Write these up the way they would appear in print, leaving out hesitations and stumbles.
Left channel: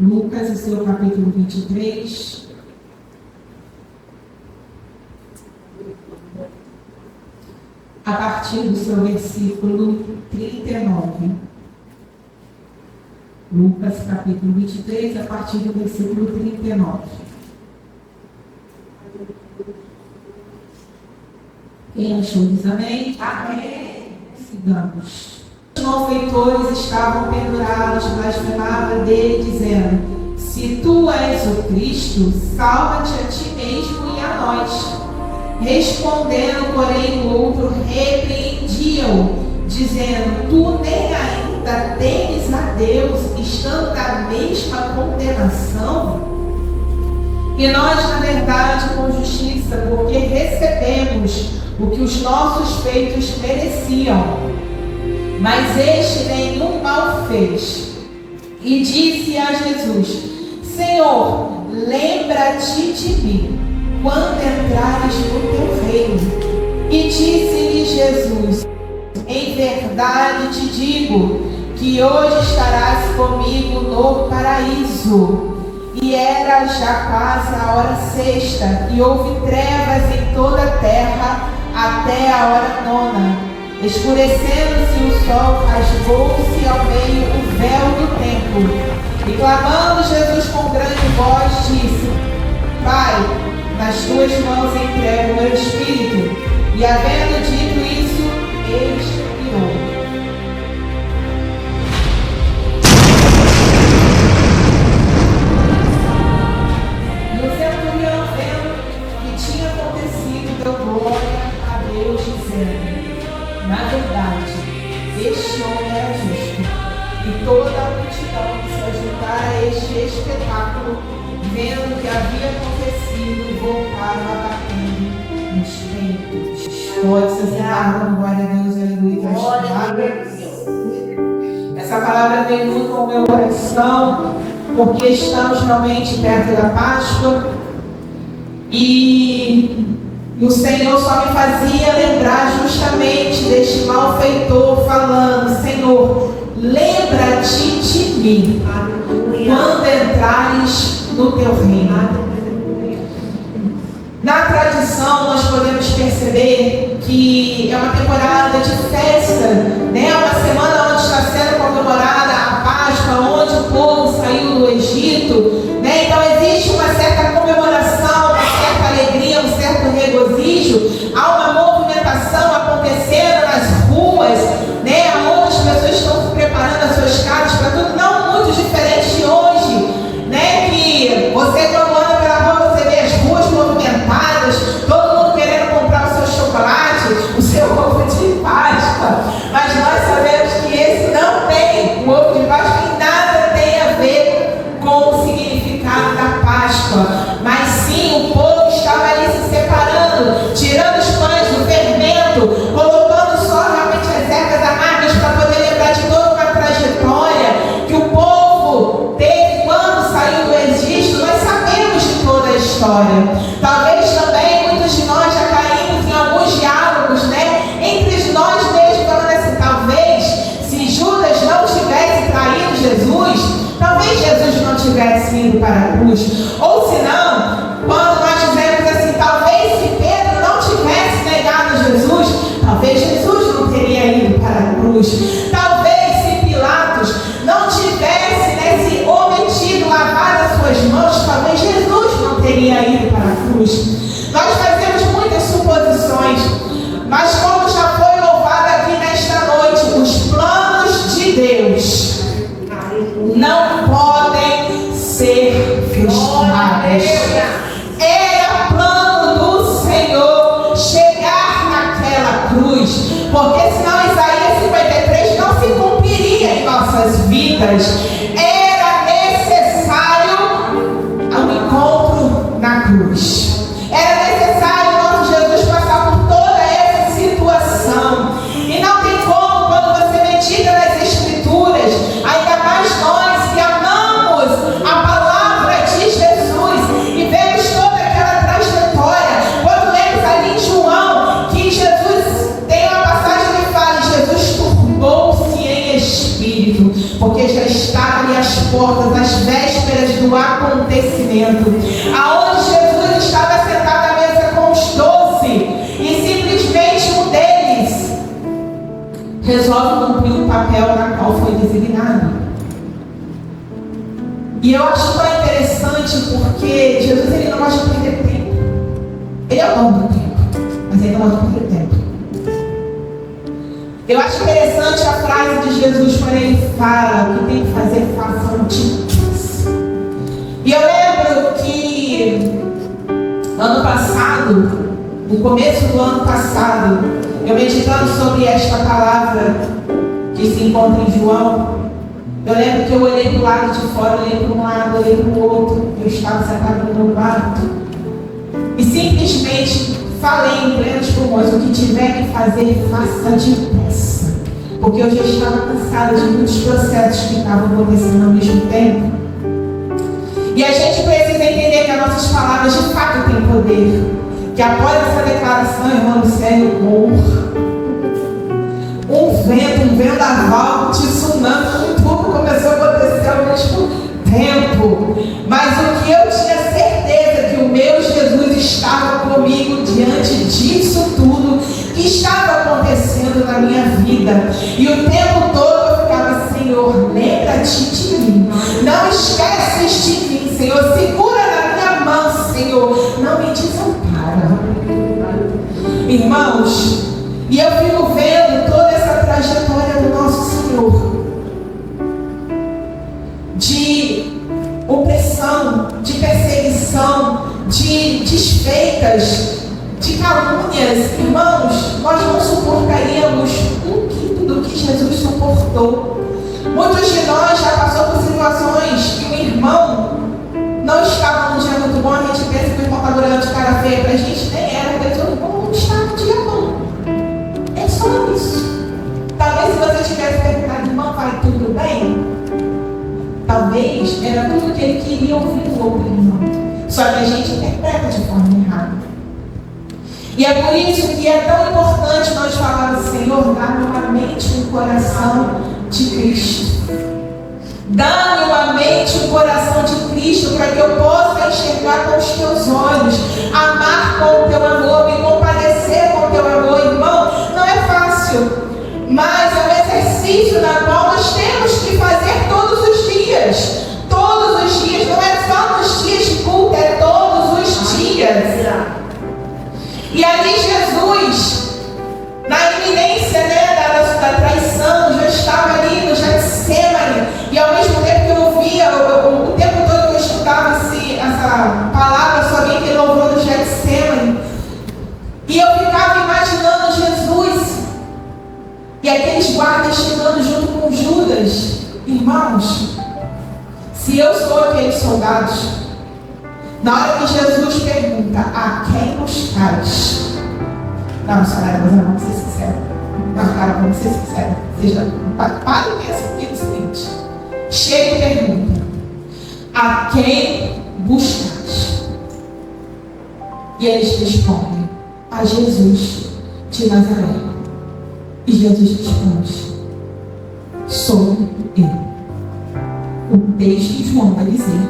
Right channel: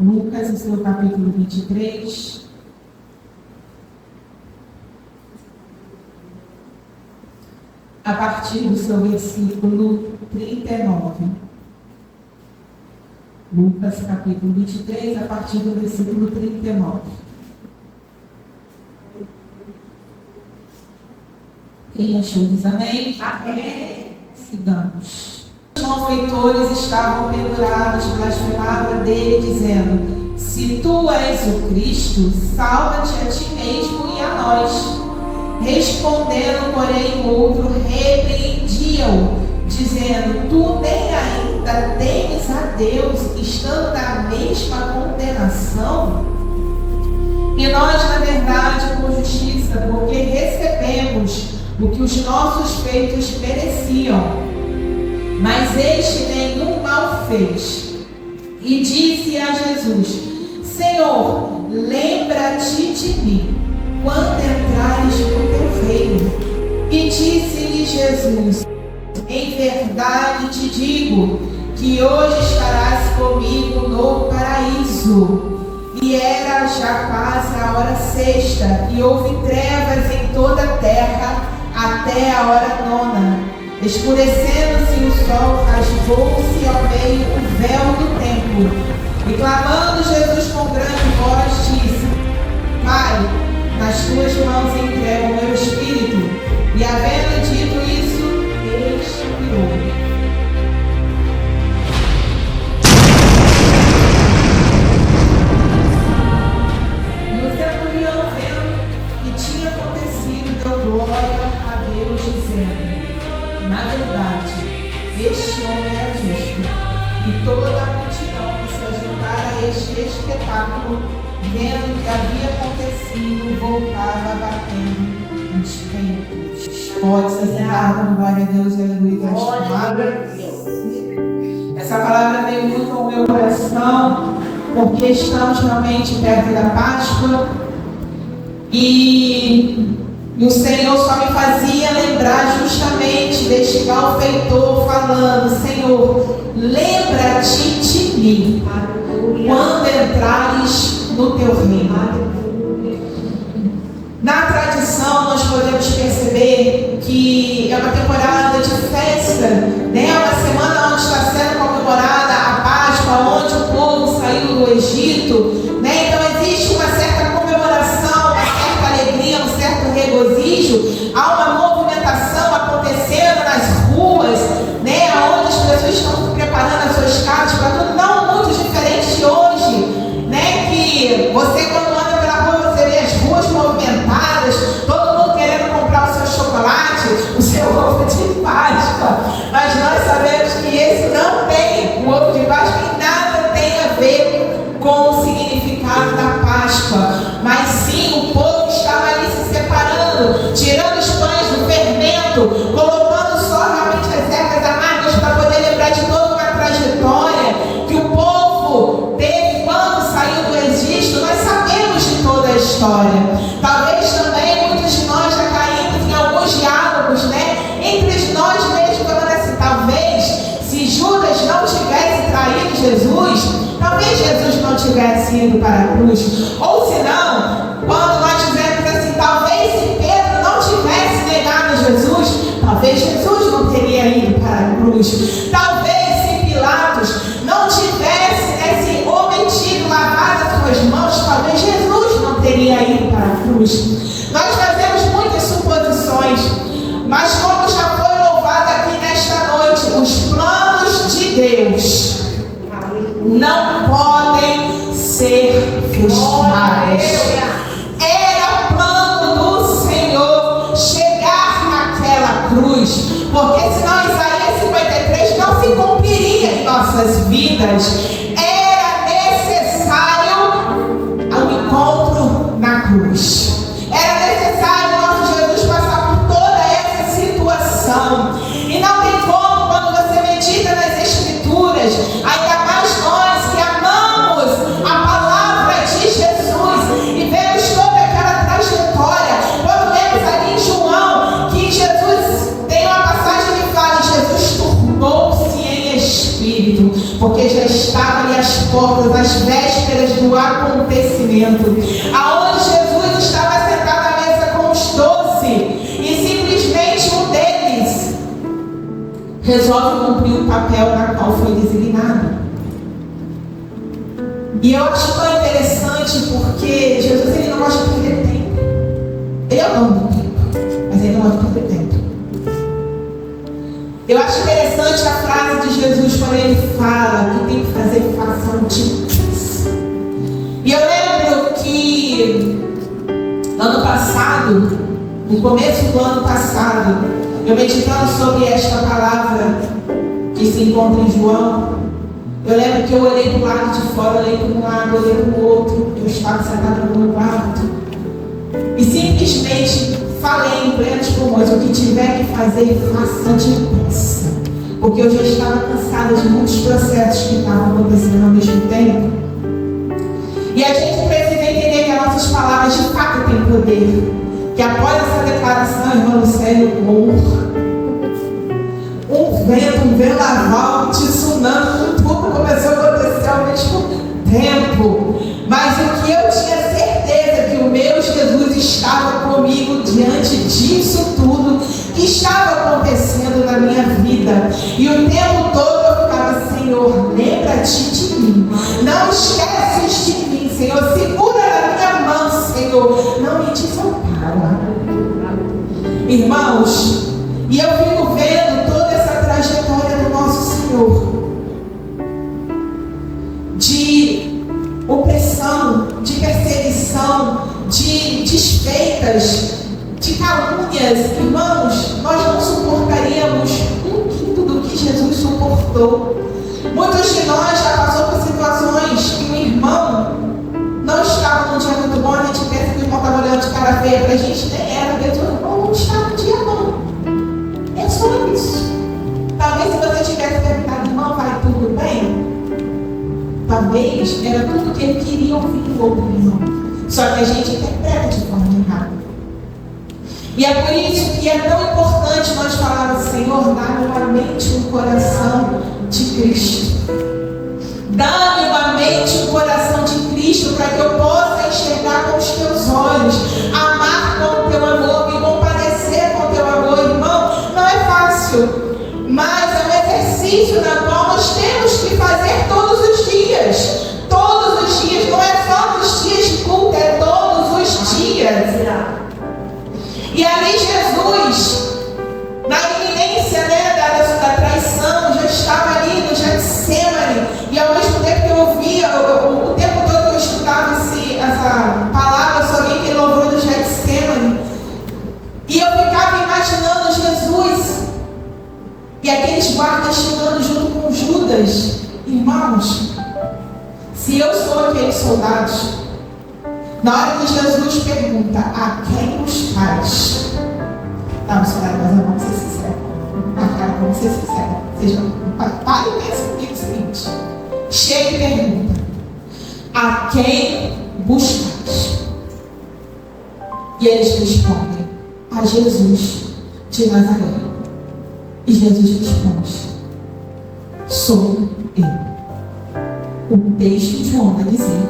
Lucas, o seu capítulo 23. A partir do seu versículo 39. Lucas, capítulo 23, a partir do versículo 39. Quem achou diz amém? Amém. Sigamos. Os malfeitores estavam pendurados, blasfemavam dele, dizendo: se tu és o Cristo, salva-te a ti mesmo e a nós. Respondendo, porém, o outro repreendia-o, dizendo: tu nem ainda temes a Deus, estando na mesma condenação? E nós, na verdade, com justiça, porque recebemos o que os nossos feitos mereciam. Mas este nenhum mal fez. E disse a Jesus: Senhor, lembra-te de mim quando entrares no teu reino. E disse-lhe Jesus: em verdade te digo que hoje estarás comigo no paraíso. E era já quase a hora sexta, e houve trevas em toda a terra até a hora nona. Escurecendo-se o sol, rasgou-se ao meio o véu do templo. E clamando Jesus com grande voz, disse: Pai, nas tuas mãos entrego o meu espírito. E havendo dito isso, expirou. E o centurião, vendo o que tinha acontecido, deu glória a Deus, dizendo: na verdade, este homem era justo. E toda a multidão que se ajuntara a este espetáculo, vendo o que havia acontecido, voltaram abatendo nos peitos. Pode se assentar, dando glória a Deus, aleluia, Essa palavra veio muito ao meu coração, porque estamos realmente perto da Páscoa. E o Senhor só me fazia lembrar justamente deste malfeitor falando: Senhor, lembra-te de mim quando entrares no teu reino. Na tradição nós podemos perceber que é uma temporada de festa, né? Uma semana onde está sendo comemorada a Páscoa, onde o povo saiu do Egito, né? Então existe uma certa comemoração, uma certa alegria, um certo regozijo. Há uma movimentação acontecendo nas ruas, né? Onde as pessoas estão preparando as suas casas para tudo, não muito diferente de hoje, né? Que você, quando anda pela rua, você vê as ruas movimentadas, todo mundo querendo comprar o seu chocolate, o seu ovo de Páscoa. Mas nós sabemos que esse não tem, o ovo de Páscoa em nada tem a ver com o significado da Páscoa, mas sim o povo estava ali se separando, tirando os pães do fermento, colocando só realmente as ervas amargas para poder lembrar de toda uma trajetória que o povo teve quando saiu do Egito. Nós sabemos de toda a história. Talvez também muitos de nós já caímos em alguns diálogos, né? Entre nós mesmos, falando assim: talvez se Judas não tivesse traído Jesus, talvez Jesus não tivesse ido para a cruz. Ou se não, quando nós dizemos assim: talvez se Pedro não tivesse negado Jesus, talvez Jesus não teria ido para a cruz. Talvez se Pilatos não tivesse, né, se omitido lavar as suas mãos, talvez Jesus não teria ido para a cruz. Nós fazemos muitas suposições, mas como já foi louvado aqui nesta noite, os planos de Deus não podem ser frustrados. Era plano do Senhor chegar naquela cruz, porque senão Isaías 53 não se cumpriria em nossas vidas. Era necessário um encontro na cruz. Era necessário nosso Jesus passar por toda essa situação. E não tem como, quando você medita nas Escrituras, ainda mais nós que amamos a palavra de Jesus e vemos toda aquela trajetória. Quando lemos ali em João que Jesus tem uma passagem que fala: Jesus turbou-se em espírito, porque já estava ali às portas, às vésperas do acontecimento, aonde Jesus estava sentado à mesa com os 12 e simplesmente um deles resolve cumprir o papel na qual foi designado. E eu acho tão interessante porque Jesus ele não gosta de perder tempo. Ele é o dono do tempo, mas ele não gosta de perder tempo. Eu acho interessante a frase de Jesus quando ele fala o que tem que fazer, façam depressa. E eu lembro que ano passado, no começo do ano passado, eu meditando sobre esta palavra que se encontra em João, eu lembro que eu olhei para o lado de fora, olhei para um lado, olhei para o outro, eu estava sentado no meu quarto e simplesmente falei em plenos pulmões: o que tiver que fazer, faça depressa, porque eu já estava cansada de muitos processos que estavam acontecendo ao mesmo tempo. E a gente precisa entender que as nossas palavras de fato têm poder, que após essa declaração, irmão Lucélio, um vento, um vendaval, tsunami, tudo começou a acontecer ao mesmo tempo. Mas o que eu tinha certeza é que o meu Jesus estava comigo diante disso tudo que estava acontecendo na minha vida. E o tempo todo eu ficava: Senhor, lembra-te de mim, não esqueces de mim, Senhor, segura na minha mão, Senhor, não me desampara. Irmãos, e eu fico vendo toda essa trajetória do nosso Senhor, de opressão, de perseguição, de desfeitas, de calúnias. Irmãos, nós não suportaríamos um quinto do que Jesus suportou. Muitos de nós já passou por situações que o irmão não estava num dia muito bom, a gente pensa que o irmão estava olhando de cara feia pra gente, nem era, Deus, o irmão não está no dia bom. É só isso. Talvez se você tivesse perguntado: irmão, vai tudo bem? Talvez era tudo que ele queria ouvir do outro irmão. Só que a gente interpreta de forma errada. E é por isso que é tão importante nós falarmos: Senhor, dá-me uma mente e um coração de Cristo. Dá-me uma mente e um coração de Cristo, para que eu possa enxergar com os teus olhos, amar com o teu amor, me compadecer com o teu amor. Irmão, não é fácil, mas é um exercício na qual nós temos que fazer todos os dias. Todos os dias, não é só nos dias de culto, é todos os dias. E ali Jesus, na iminência, da traição, já estava ali no Getsemane. E ao mesmo tempo que eu ouvia, o tempo todo que eu estudava essa palavra, só alguém que louvou no Getsemane, e eu ficava imaginando Jesus e aqueles guardas chegando junto com Judas. Irmãos, se eu sou aqueles soldados, na hora que Jesus pergunta: a quem buscais? Não, senhora, mas vamos ser sinceros. Não, cara, vamos ser sinceros. Seja, pare e pensa comigo o seguinte: chega e pergunta: a quem buscais? E eles respondem: a Jesus de Nazaré. E Jesus responde: sou eu. O texto de João vai dizer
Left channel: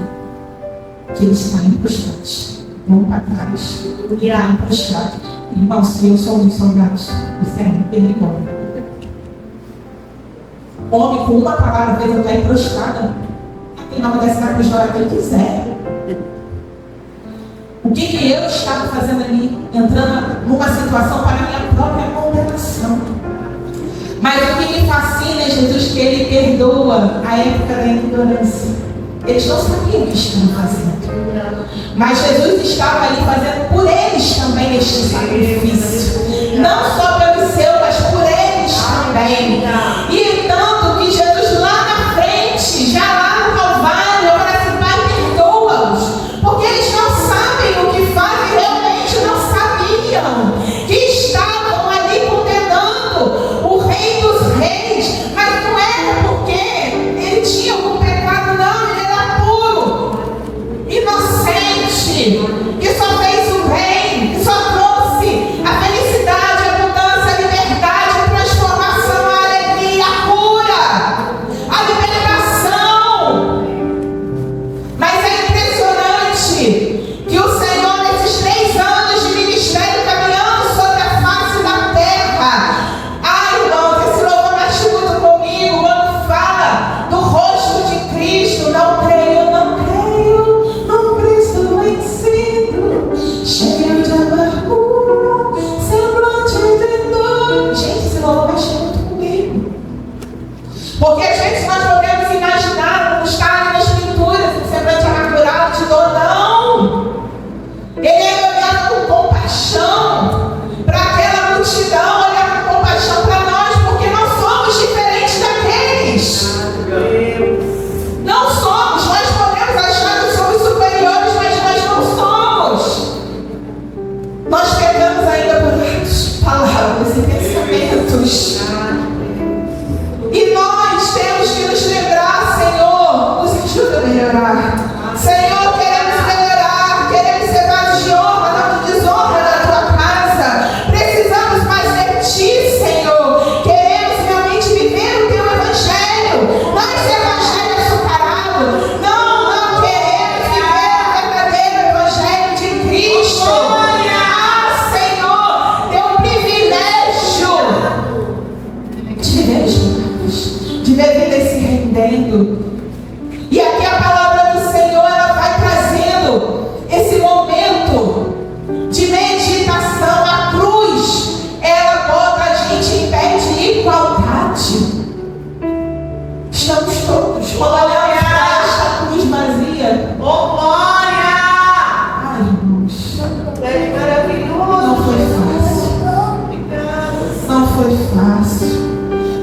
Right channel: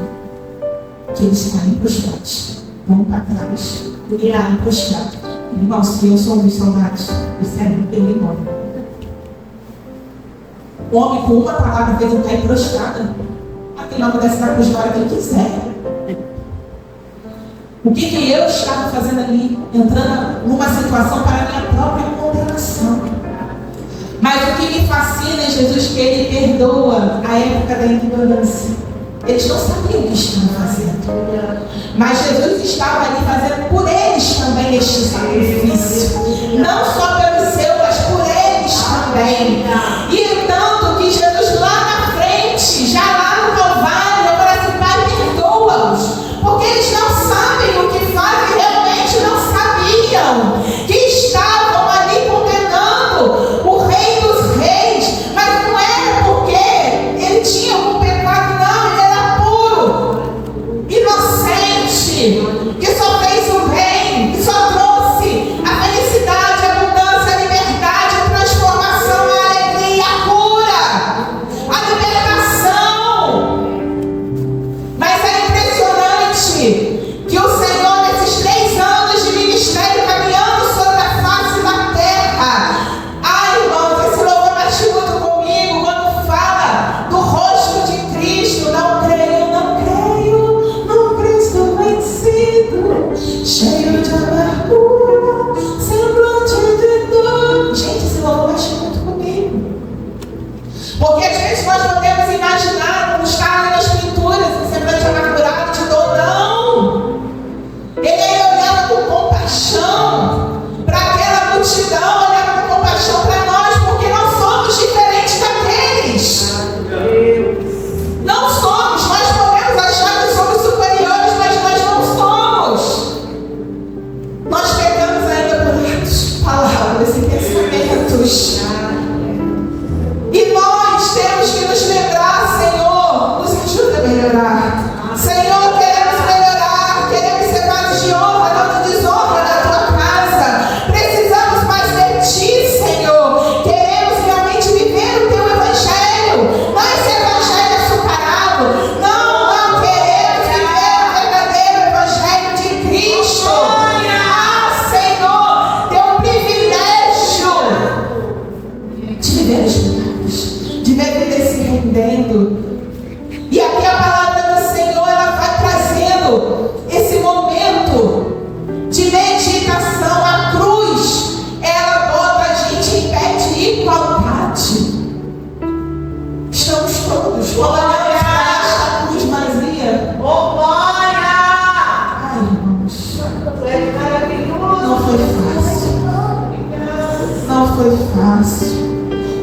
que eles caem prostrados, vão para trás, e caem prostrados. Irmãos, se eu sou um dos soldados, o servo pelo embora. O homem, com uma palavra, fez eu cair prostrada. Aquele homem desce na cruz na hora que ele quiser. O que eu estava fazendo ali? Entrando numa situação para a minha própria condenação. Mas o que me fascina em Jesus é que ele perdoa a época da ignorância. Eles não sabiam o que estavam fazendo. Mas Jesus estava ali fazendo por eles também este sacrifício. Não só pelo seu, mas por eles também. E tanto que Jesus lá na frente, já lá no Calvário, eu falei assim: Pai, perdoa-os. Porque eles não sabem o que fazem, realmente não sabiam. Que estavam ali condenando o Rei dos Reis. Mas não era porque ele tinha algum pecado, não. Ele era puro, inocente, que só fez o bem, que só trouxe a felicidade, a abundância, a liberdade, a transformação, a alegria, a cura, a libertação. fácil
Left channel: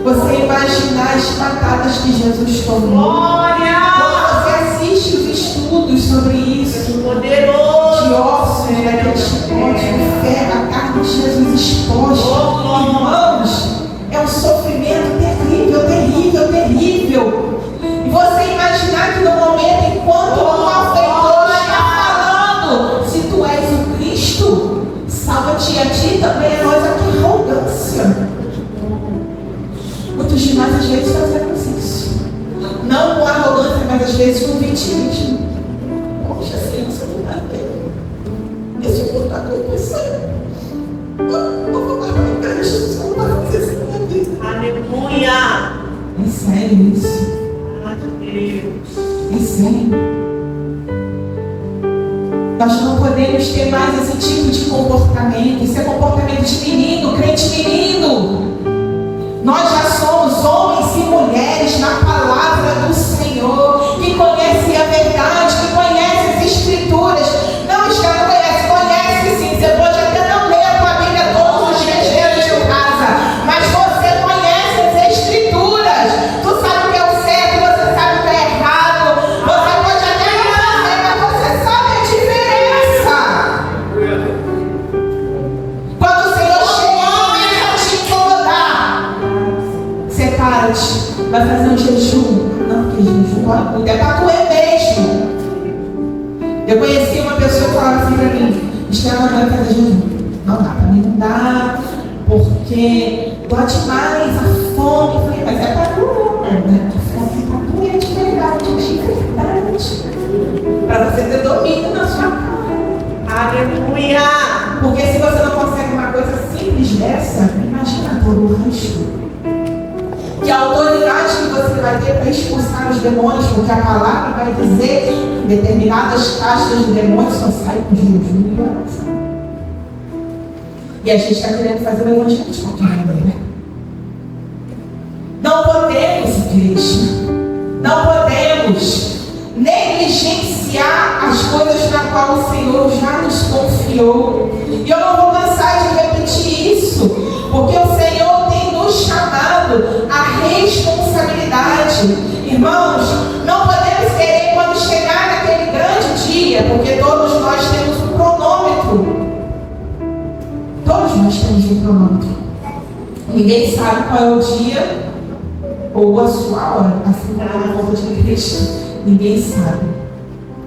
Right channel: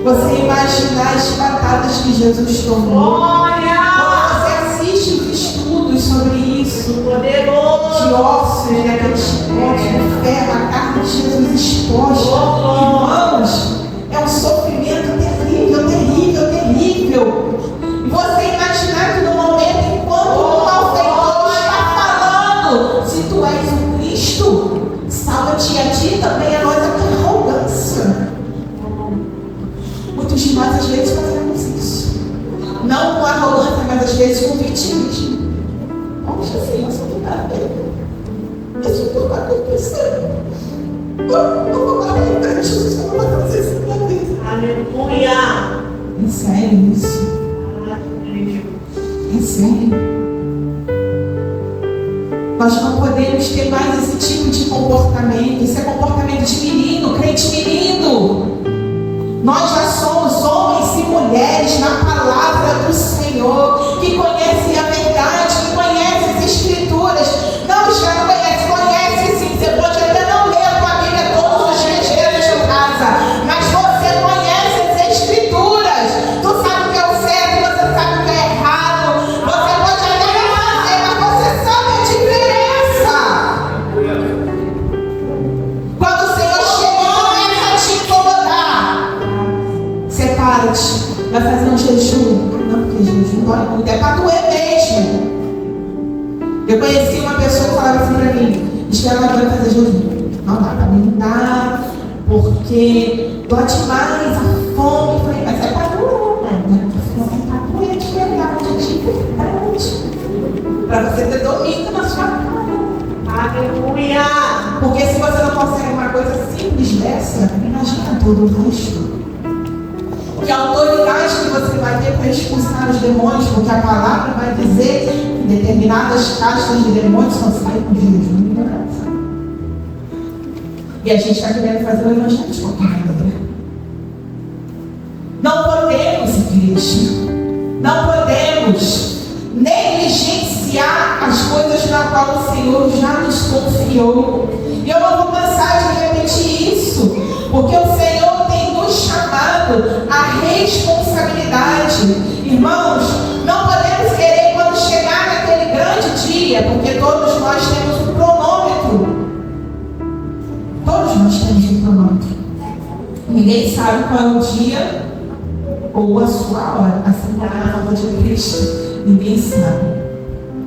você imaginar as batatas que Jesus tomou. Quando você assiste os estudos sobre isso, de ossos, daqueles potes de ferro, a carne de Jesus exposta, irmãos, é um sofrimento terrível, terrível, terrível. E você imaginar que no momento, enquanto o malfeitor está falando, se tu és o Cristo, salva-te a ti também, a nós aqui, arrogância. Muitos de nós às vezes fazemos isso. Não com arrogância, mas às vezes com vitimismo. Poxa, Senhor, isso não dá bem. Isso não dá bem com isso. Eu vou parar em frente, Jesus, eu não vou fazer isso na minha vida. Aleluia! É sério isso? É sério. Nós não podemos ter mais esse tipo de comportamento. Esse é comportamento de menino, crente menino. Nós já somos homens e mulheres na palavra do Senhor, que conhecem a verdade, que conhecem as Escrituras. Não, já não conhece sim. Você pode até não ler a tua Bíblia todos os dias dentro de casa, mas você conhece as Escrituras. Tu sabe o que é o certo, você sabe o que é errado. Você pode até não fazer, mas você sabe a diferença. Quando o Senhor chega e começa a te incomodar, separa-te, vai fazer um jejum. Não, porque jejum dói muito, é para doer mesmo. Eu conheci uma pessoa que falava assim para mim: Estela, não vai fazer jejum. Não dá, para mim não dá, porque dói demais a fome. Eu falei, mas é para doer, né? A fome é para doer de verdade, para você ter domínio na sua cara. Aleluia! Porque se você não consegue uma coisa simples dessa, imagina todo o resto. Que a autoridade que você vai ter para expulsar os demônios, porque a palavra vai dizer que determinadas caixas de demônios só saem com jejum e oração. E a gente está querendo fazer o evangelho de qualquer maneira. Não podemos, igreja, não podemos negligenciar as coisas para qual o Senhor já nos confiou. E eu não vou cansar de repetir isso, porque o Senhor tem nos chamado à responsabilidade. Irmãos, não podemos querer quando chegar naquele grande dia, porque todos nós temos um cronômetro. Todos nós temos um cronômetro. Ninguém sabe qual é o dia ou a sua hora, assim como a nova de Cristo. Ninguém sabe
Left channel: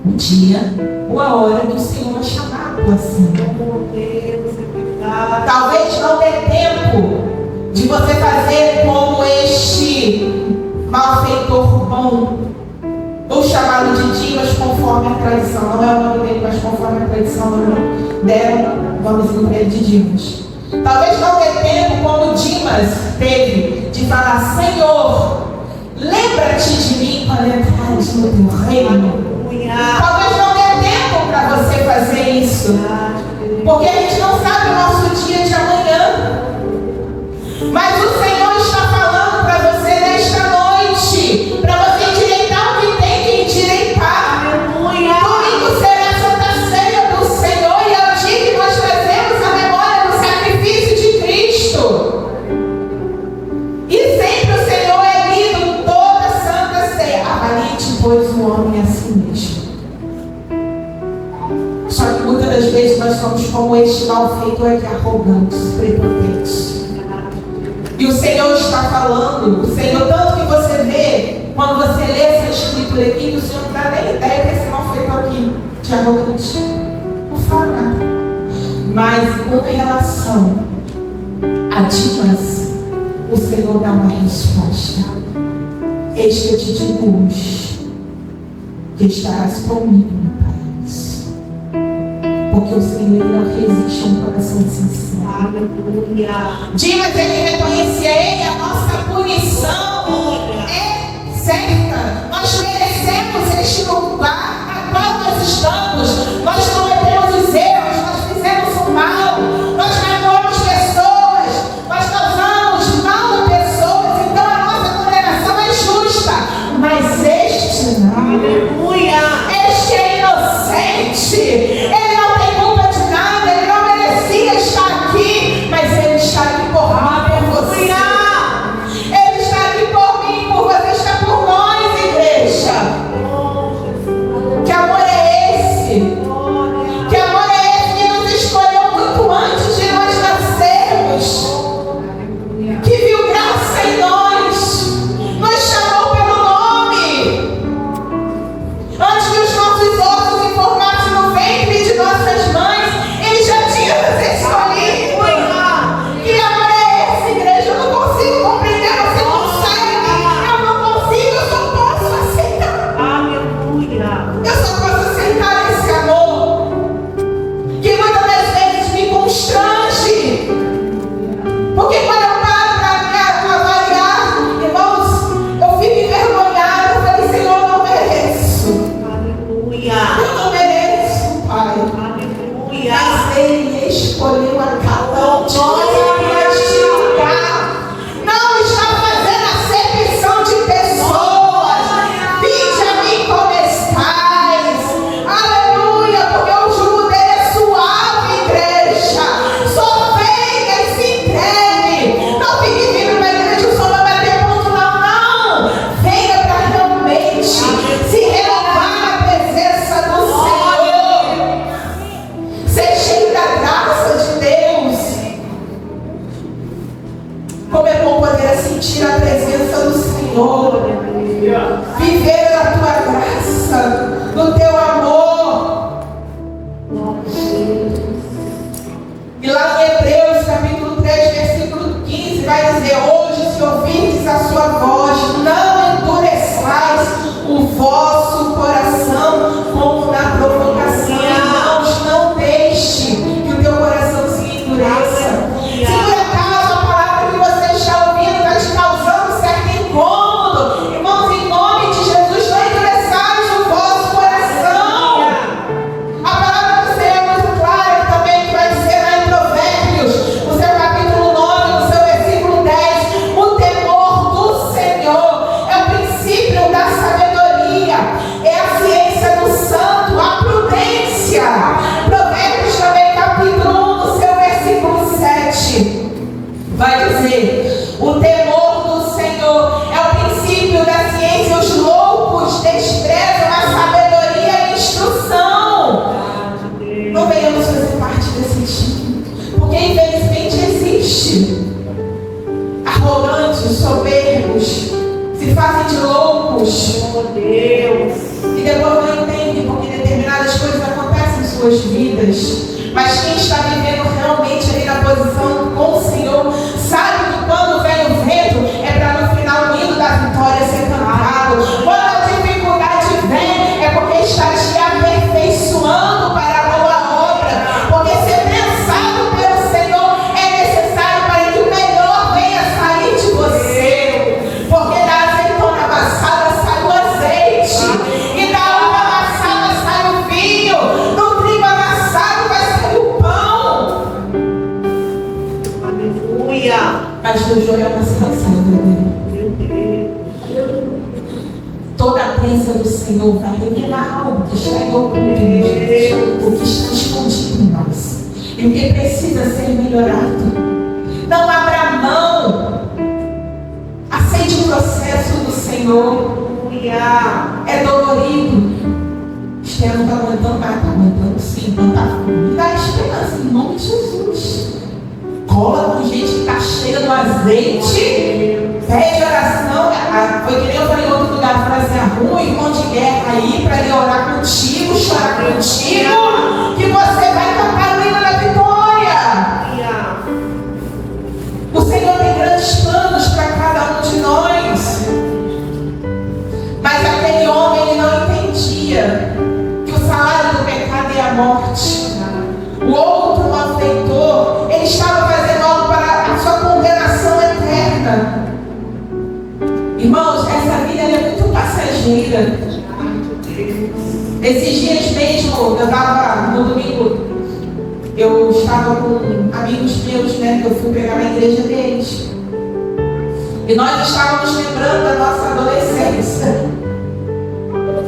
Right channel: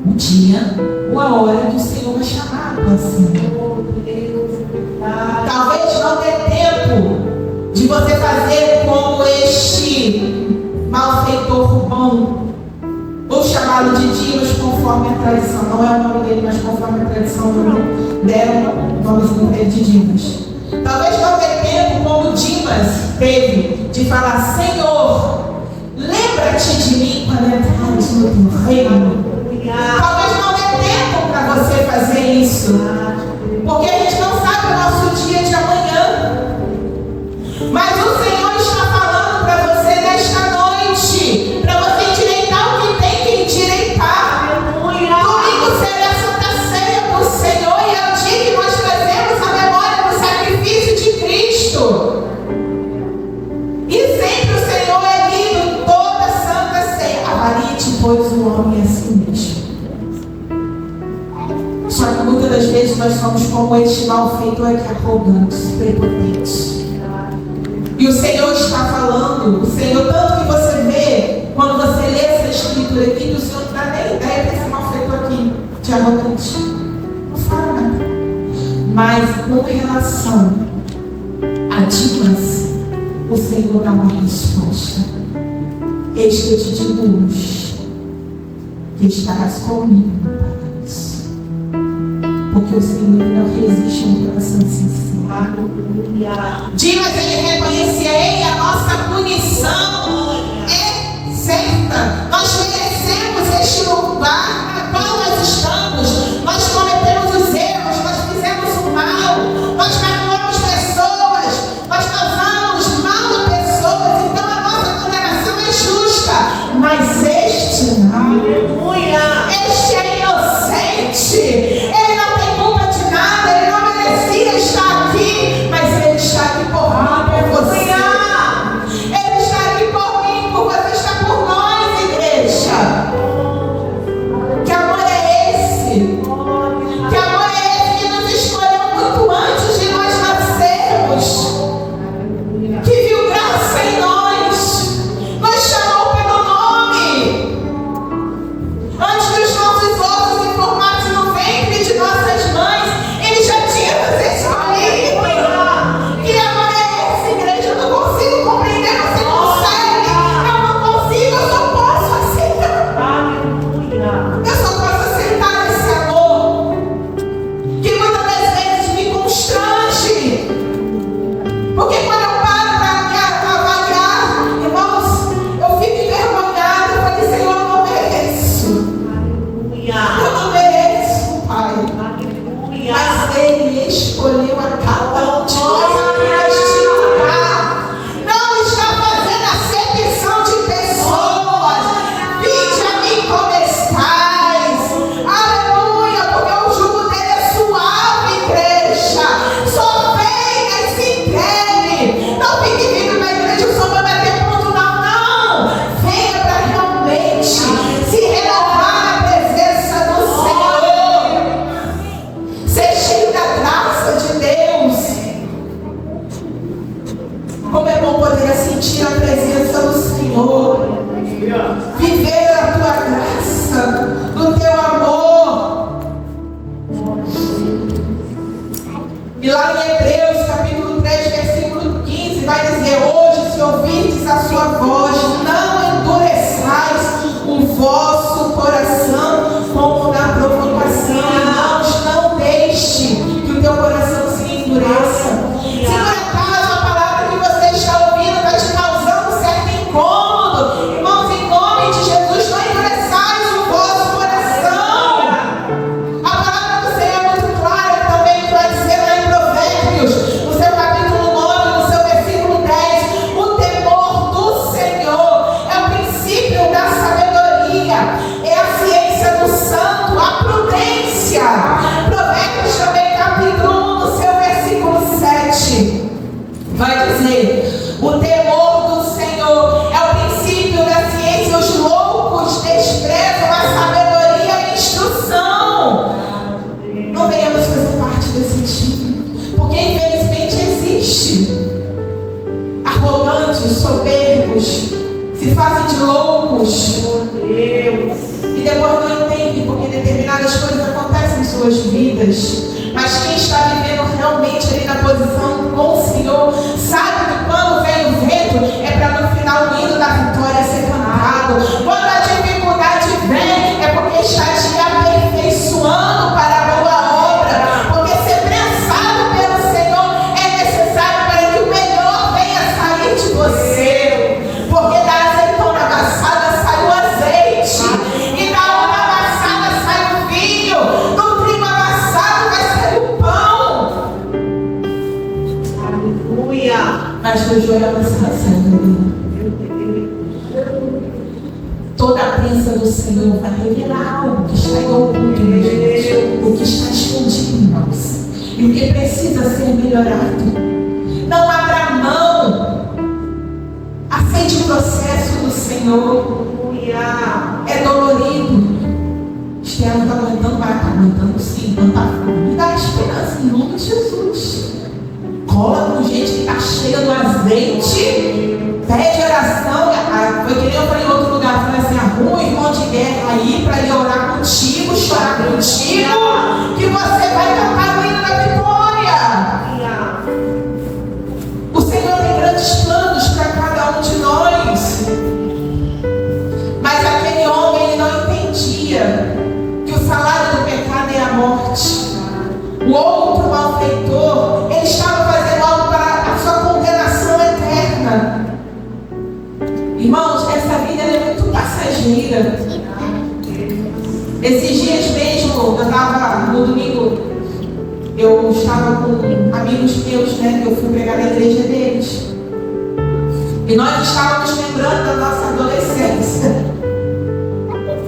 o dia ou a hora que o Senhor vai chamar a tua cena. Talvez não dê tempo de você fazer como este malfeitor bom, ou chamado de Dimas, conforme a tradição. Não é o nome dele, mas conforme a tradição deram o nomezinho dele de Dimas. Talvez não dê tempo, como Dimas teve, de falar: Senhor, lembra-te de mim quando entrares no teu reino. Talvez não dê tempo para você fazer isso, porque a gente não sabe o nosso dia de amanhã. Mas o Senhor está falando para você nesta noite, para você endireitar o que tem que endireitar. Aleluia. Domingo será a Santa Ceia do Senhor, e é o dia que nós trazemos a memória do sacrifício de Cristo. E sempre o Senhor é lido em toda a Santa Ceia. Avalie-te, pois, o homem a si mesmo. Só que muitas das vezes nós somos como este malfeitor aqui, arrogantes, prepotentes. E o Senhor está falando, o Senhor, tanto que você vê, quando você lê essa escritura aqui, que o Senhor não dá nem ideia desse malfeitor aqui, de arrogante. Não fala nada. Mas com relação a Dimas, o Senhor dá uma resposta. Eis que eu te digo hoje, que estarás comigo no paraíso. Porque o Senhor não resiste a um coração sincero. Dimas, ele reconhecia: ei, a nossa punição é certa. Nós merecemos este lugar a qual nós estamos. Nós cometemos os erros, nós fizemos o mal, nós magoamos pessoas, nós causamos mal a pessoas. Então a nossa condenação é justa. Mas este não. Aleluia. Este é inocente. Ele não tem culpa de nada. Ele não merecia estar aqui, mas ele está aqui por mim, por você. vosso coração como na provocação. Irmãos, não deixe que o teu coração se endureça. Se por acaso a palavra que você está ouvindo está te causando certo incômodo, irmãos, em nome de Jesus, não endureçais o vosso coração. A palavra do Senhor é muito clara também, que vai dizer lá em Provérbios, no seu capítulo 9, no seu versículo 10, o temor do Senhor é o princípio da sabedoria, é a ciência do santo, a prudência. Provérbios também, capítulo 1, no seu versículo 7, vai dizer: o temor do Senhor é o princípio da ciência, os loucos desprezam a sabedoria e a instrução. Não venhamos fazer parte desse time, porque infelizmente existe arrogantes, soberbos, se fazem de loucos, e depois não entendem porque determinadas coisas acontecem em suas vidas. Mas quem está vivendo realmente ali na posição com o Senhor sabe que quando vem o vento é para no final o hino da vitória ser cantado. Quando a dificuldade vem é porque está te aperfeiçoando para a boa obra, porque ser prensado pelo Senhor é necessário para que o melhor venha sair de você, porque da azeitona amassada sai o azeite, e da uva amassada sai o vinho, do trigo amassado vai sair o pão. Aleluia. Mas do joio amassado sai o veneno. Toda a prensa do Senhor vai revelar algo que está em oculto, o que está escondido em nós, e o que precisa ser melhorado. Não abra mão. Aceite o processo do Senhor. É dolorido. Estela está aguentando, vai estar aguentando sim, não está. Me dá esperança em nome de Jesus. Cola com gente que está cheia do azeite. Pede oração. Foi que nem eu falei em outro lugar. Falei assim: arruma um irmão de guerra aí para ele orar contigo, chorar contigo, que você vai cantar o hino da vitória. O Senhor tem grandes planos para cada um de nós. Mas aquele homem, ele não entendia que o salário do pecado é a morte. O outro malfeitor, ele estava fazendo algo para a sua condenação eterna. Irmãos, essa vida é muito passageira. Esses dias mesmo, eu estava no domingo, eu estava com amigos meus, né, que eu fui pregar na igreja deles. E nós estávamos lembrando da nossa adolescência.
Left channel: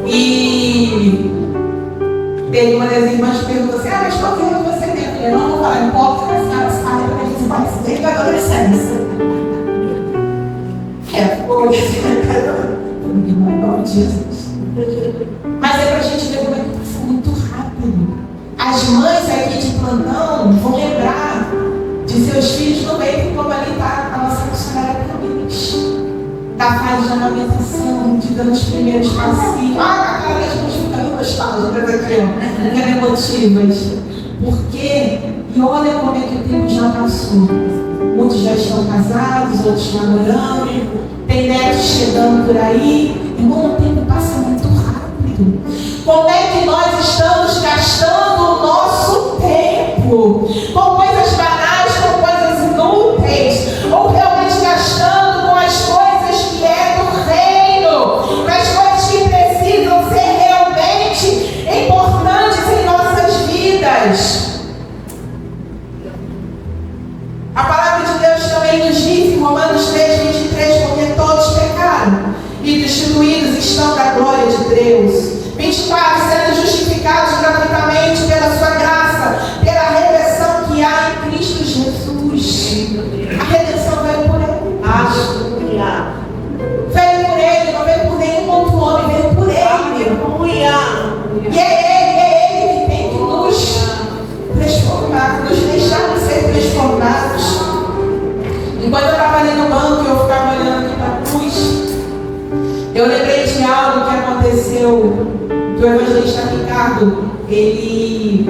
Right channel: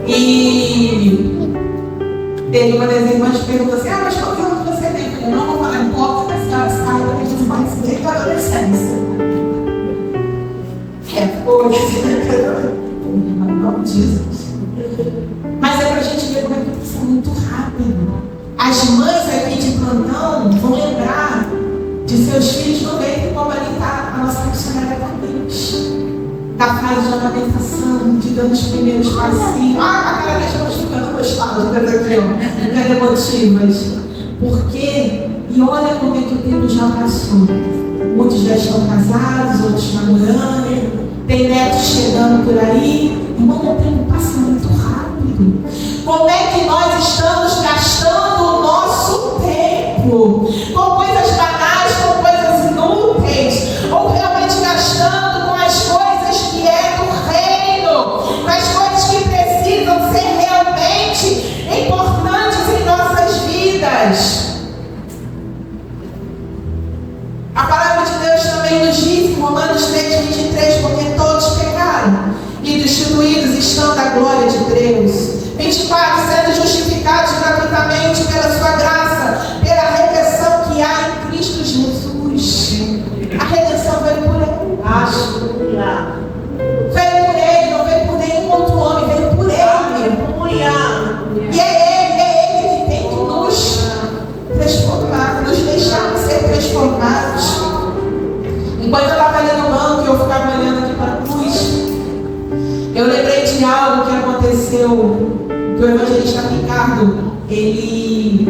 E teve uma das irmãs que perguntou assim: mas quantos anos você tem? Eu falei: não vou falar, importa, mas a senhora sabe que a gente vai se desde a adolescência. Jesus. Mas é para a gente ver como é que passa muito rápido. As mães aqui de plantão vão lembrar de seus filhos no leite, como ali está a nossa missionária Camille, da fase de amamentação, de dando os primeiros passinhos. Aquela das mãos ficando nostálgicas aqui, ó, ficando emotivas. Porque, e olha como é que o tempo já passou. Muitos já estão casados, outros namorando, tem netos chegando por aí. Irmão, o tempo passa muito rápido. Como é que nós estamos gastando o nosso tempo? Com coisas banais, com coisas inúteis? Ou realmente gastando com as coisas que é do reino? Com as coisas que precisam ser realmente importantes em nossas vidas? A palavra de Deus também nos diz em Romanos 3:23, porque todos pecaram e destituídos estão da glória de Deus. 24, sendo justificados gratuitamente pela sua graça, pela redenção que há em Cristo Jesus. A redenção veio por Ele. Aleluia. Veio por Ele, não veio por nenhum outro homem, veio por Ele. Aleluia. E é Ele que tem que nos transformar, nos deixar ser transformados. Enquanto eu estava ali no banco e eu ficava olhando aqui para a cruz, eu lembrei de algo que aconteceu, que o evangelista Ricardo, ele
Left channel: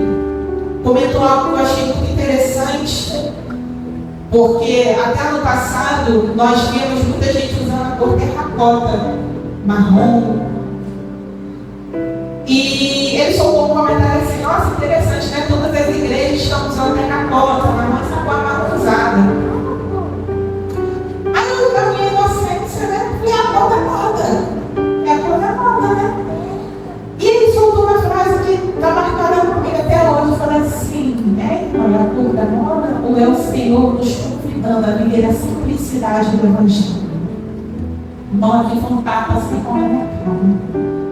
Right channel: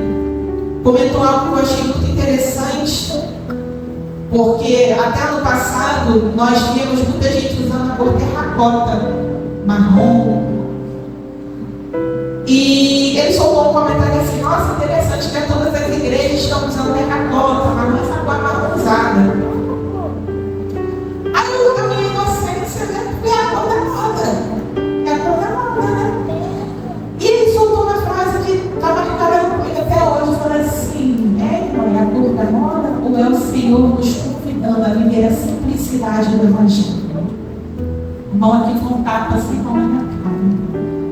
comentou algo que eu achei muito interessante, porque até ano passado nós víamos muita gente usando a cor terracota, marrom, viver a simplicidade do Evangelho. Irmão, aqui foi um tapa assim com a minha cara.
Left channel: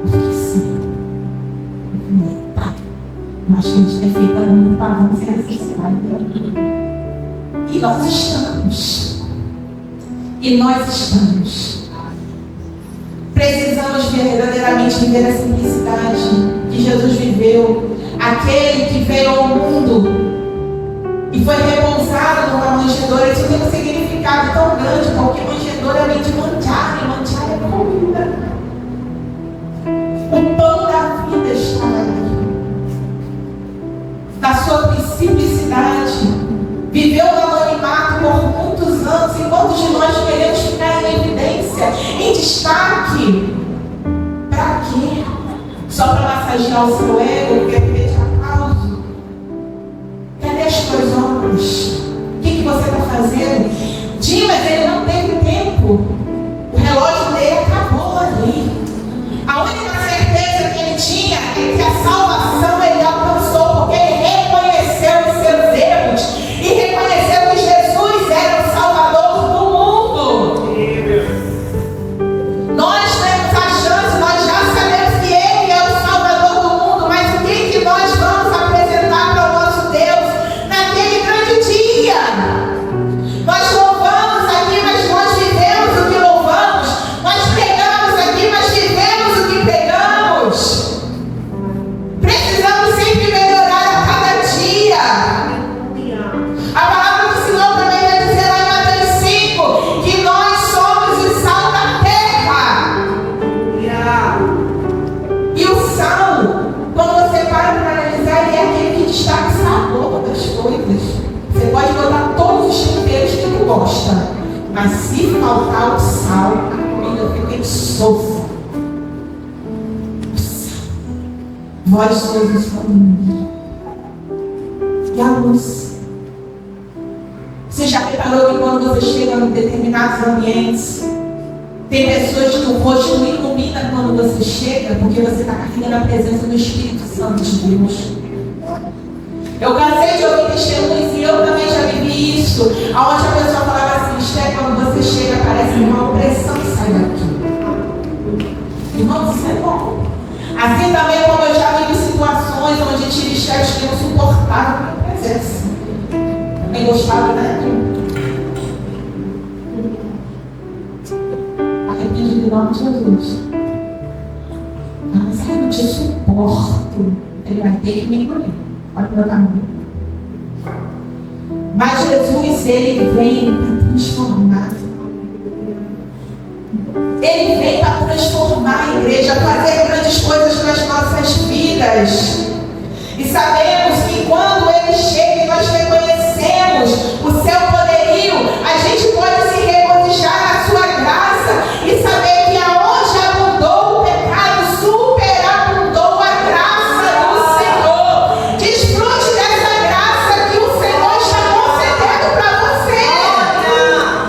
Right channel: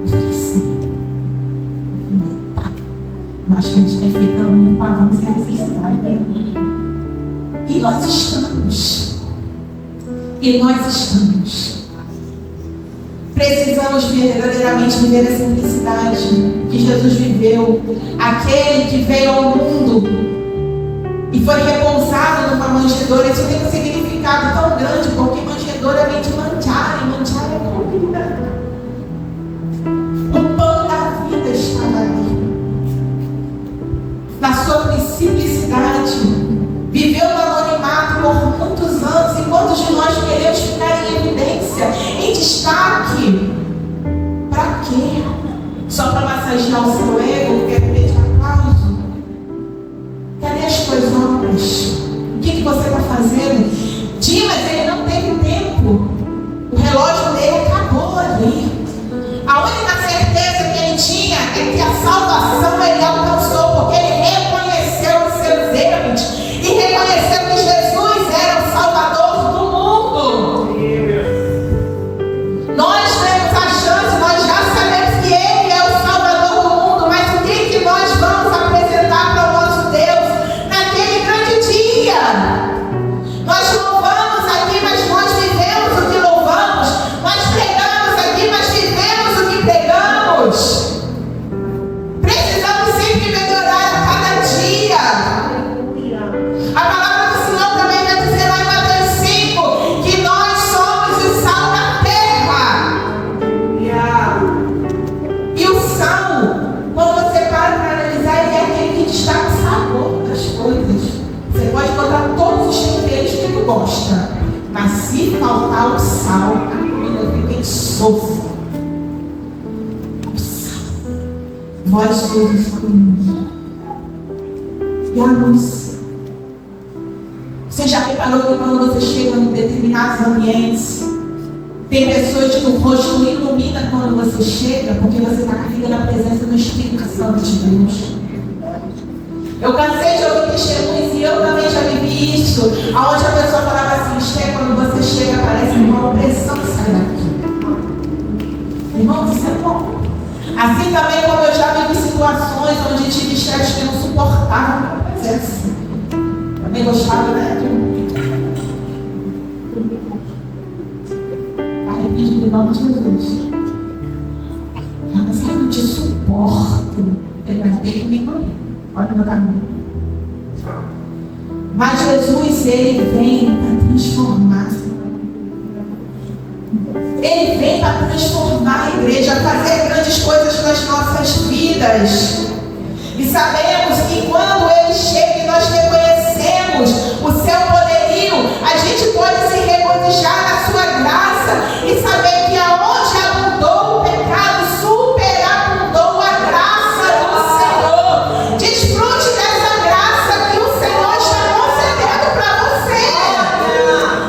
Eu fiquei assim. Tá. Mas que a gente tem feito muito pavão sem necessidade. E nós estamos. Precisamos verdadeiramente viver a simplicidade que Jesus viveu. Aquele que veio ao mundo e foi repousado numa manjedoura. Isso tem um significado tão grande, porque manjedoura vem de manjar, e manjar é comida. O pão da vida estava ali. Na sua simplicidade, viveu no anonimato por muitos anos, e quantos de nós queremos ficar em evidência, em destaque? Para quê? Só para massagear o seu ego, quer pedir aplauso? Cadê as tuas obras? O que você está fazendo? Dimas, ele não teve tempo. O relógio dele acabou ali. A única certeza que ele tinha é que a salvação ele alcançou, porque ele reconheceu os seus erros e reconheceu que Jesus era o Salvador do mundo. Nós temos a chance, nós já sabemos que Ele é o Salvador do mundo, mas o que nós vamos apresentar para o nosso Deus naquele grande dia? Nós louvamos aqui, mas nós vivemos o que louvamos. Nós pregamos aqui, mas vivemos o que pregamos. Precisamos sempre melhorar a cada dia. A palavra do Senhor também vai dizer lá em Mateus 5 que nós somos o sal da terra. E o sal, quando você para analisar, ele é aquele que destaca o sabor das coisas. Você pode botar todos os temperos que tu gosta, mas se faltar o sal, a comida fica insossa. O sal. Vós sois o sal do mundo. E a luz. Você já reparou que quando você chega em determinados ambientes, tem pessoas que o rosto ilumina quando você chega, porque você está carregando a presença do Espírito Santo de Deus. Eu cansei de ouvir testemunhos e eu também já vivi isso, onde a pessoa falava assim: Esté, quando você chega parece uma opressão que sai daqui. Irmão, isso é bom. Assim também como eu já vivi situações onde tive chefes que não suportavam a minha presença. Também gostava, né? Arrependido em nome de Jesus. Mas eu não te suporto. Ele vai ter que me engolir. Olha o meu caminho. Mas Jesus, ele vem para transformar. Ele vem para transformar a igreja, fazer grandes coisas nas nossas vidas. E sabemos que quando ele chega e nós reconhecemos o seu poderio, a gente pode se regozijar na sua graça e saber que aonde abundou o pecado, superabundou a graça do Senhor. Desfrute dessa graça que o Senhor está concedendo para você.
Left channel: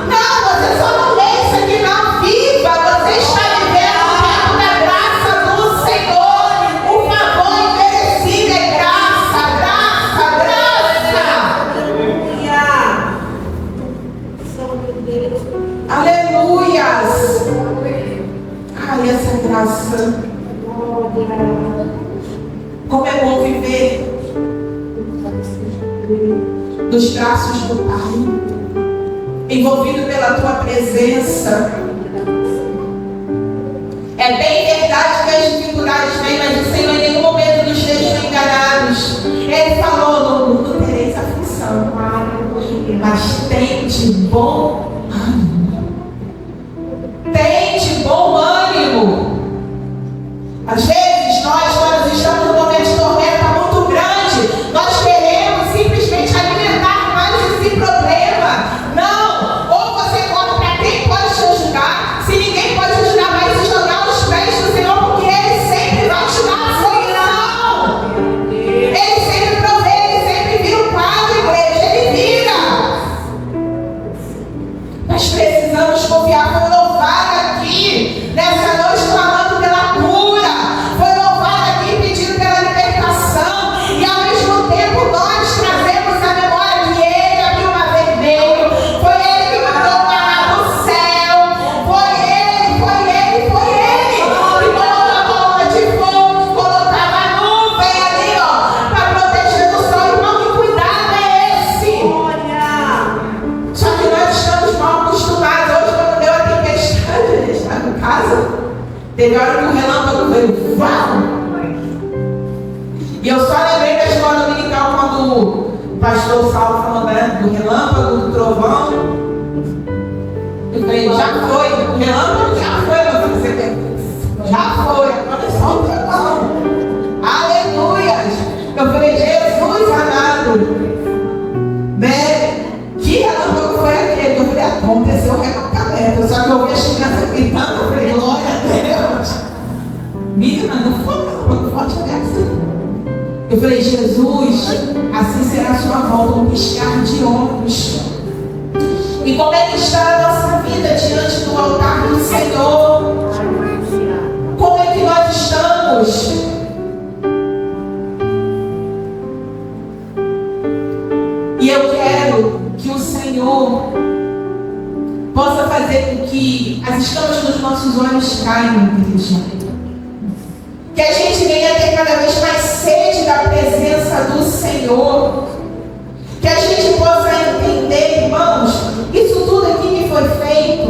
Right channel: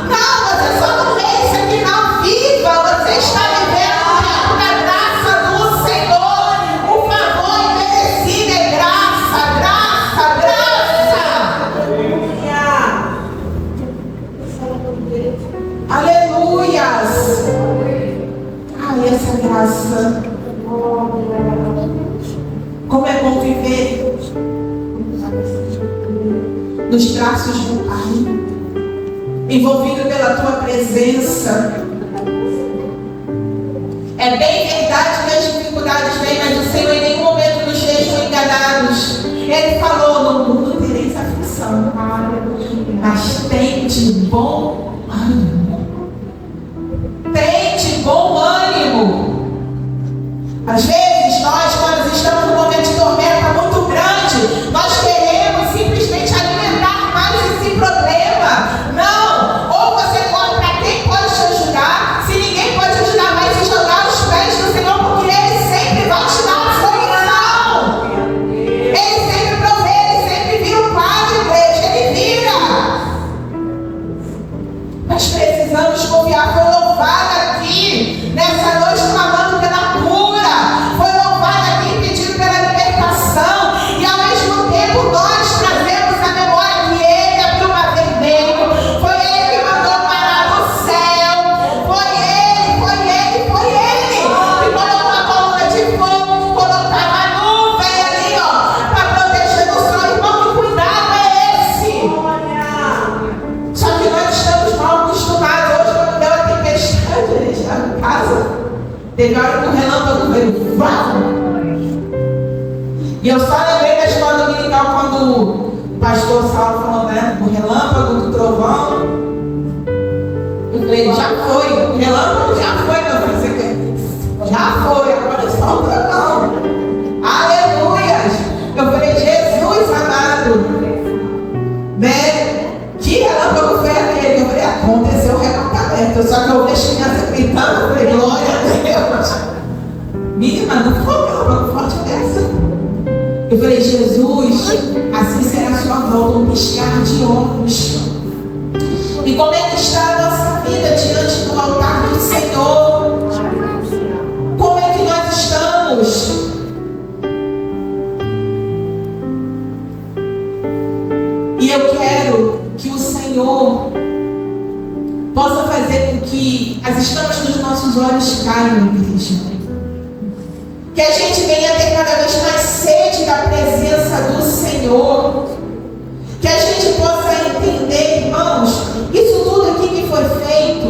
Não, você só não lê isso aqui, não viva. Você está vivendo o tempo da graça do Senhor. O favor imerecido é graça, graça, graça. Aleluias. Ai, essa graça. Como é bom viver nos braços do Pai, envolvido pela tua presença. É bem verdade que as dificuldades vêm, mas o Senhor em nenhum momento nos deixou enganados. Ele falou: no mundo tereis aflição, mas tem de bom ânimo. Tem de bom ânimo. Às vezes nós, quando estamos num momento de tormenta muito grande, nós queremos simplesmente alimentar mais esse problema. Não! Ou você corre para quem pode te ajudar. Se ninguém pode ajudar, vai se jogar aos pés do Senhor, porque Ele sempre vai te dar a solução. Ele sempre provê, Ele sempre vira o quadro, igreja, Ele vira. Nós precisamos confiar. Foi louvado aqui nessa noite clamando pela cura. Teve hora que o relâmpago veio. E eu só lembrei da escola dominical quando o pastor Saulo falou, né? Do relâmpago, do trovão. Eu falei, já foi. O relâmpago já foi, meu filho. Já foi. Agora é só o trovão. Aleluias. Eu falei, Jesus amado. Né? Que relâmpago foi aquele? Eu falei, aconteceu o recatamento. Só que eu vi as crianças gritando. Eu falei, glória a Deus. Menina, não foi um relâmpago forte dessa. Eu falei, Jesus, assim será a sua volta, um piscar de olhos. E como é que está a nossa vida diante do altar do Senhor? Como é que nós estamos? E eu quero que o Senhor possa fazer com que as escamas dos nossos olhos caiam, igreja. Que a gente venha ter cada vez mais sede da presença do Senhor. Que a gente possa entender, irmãos, isso tudo aqui que foi feito,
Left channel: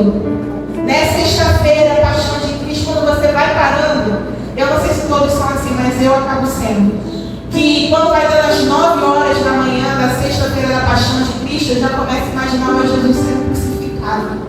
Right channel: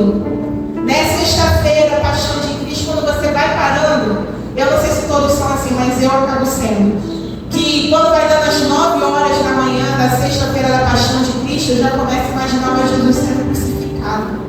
né? Sexta-feira, Paixão de Cristo, quando você vai parando, eu não sei se todos são assim, mas eu acabo sendo. Que quando vai dando as 9 horas da manhã da sexta-feira da Paixão de Cristo, eu já começo a imaginar o Jesus sendo crucificado.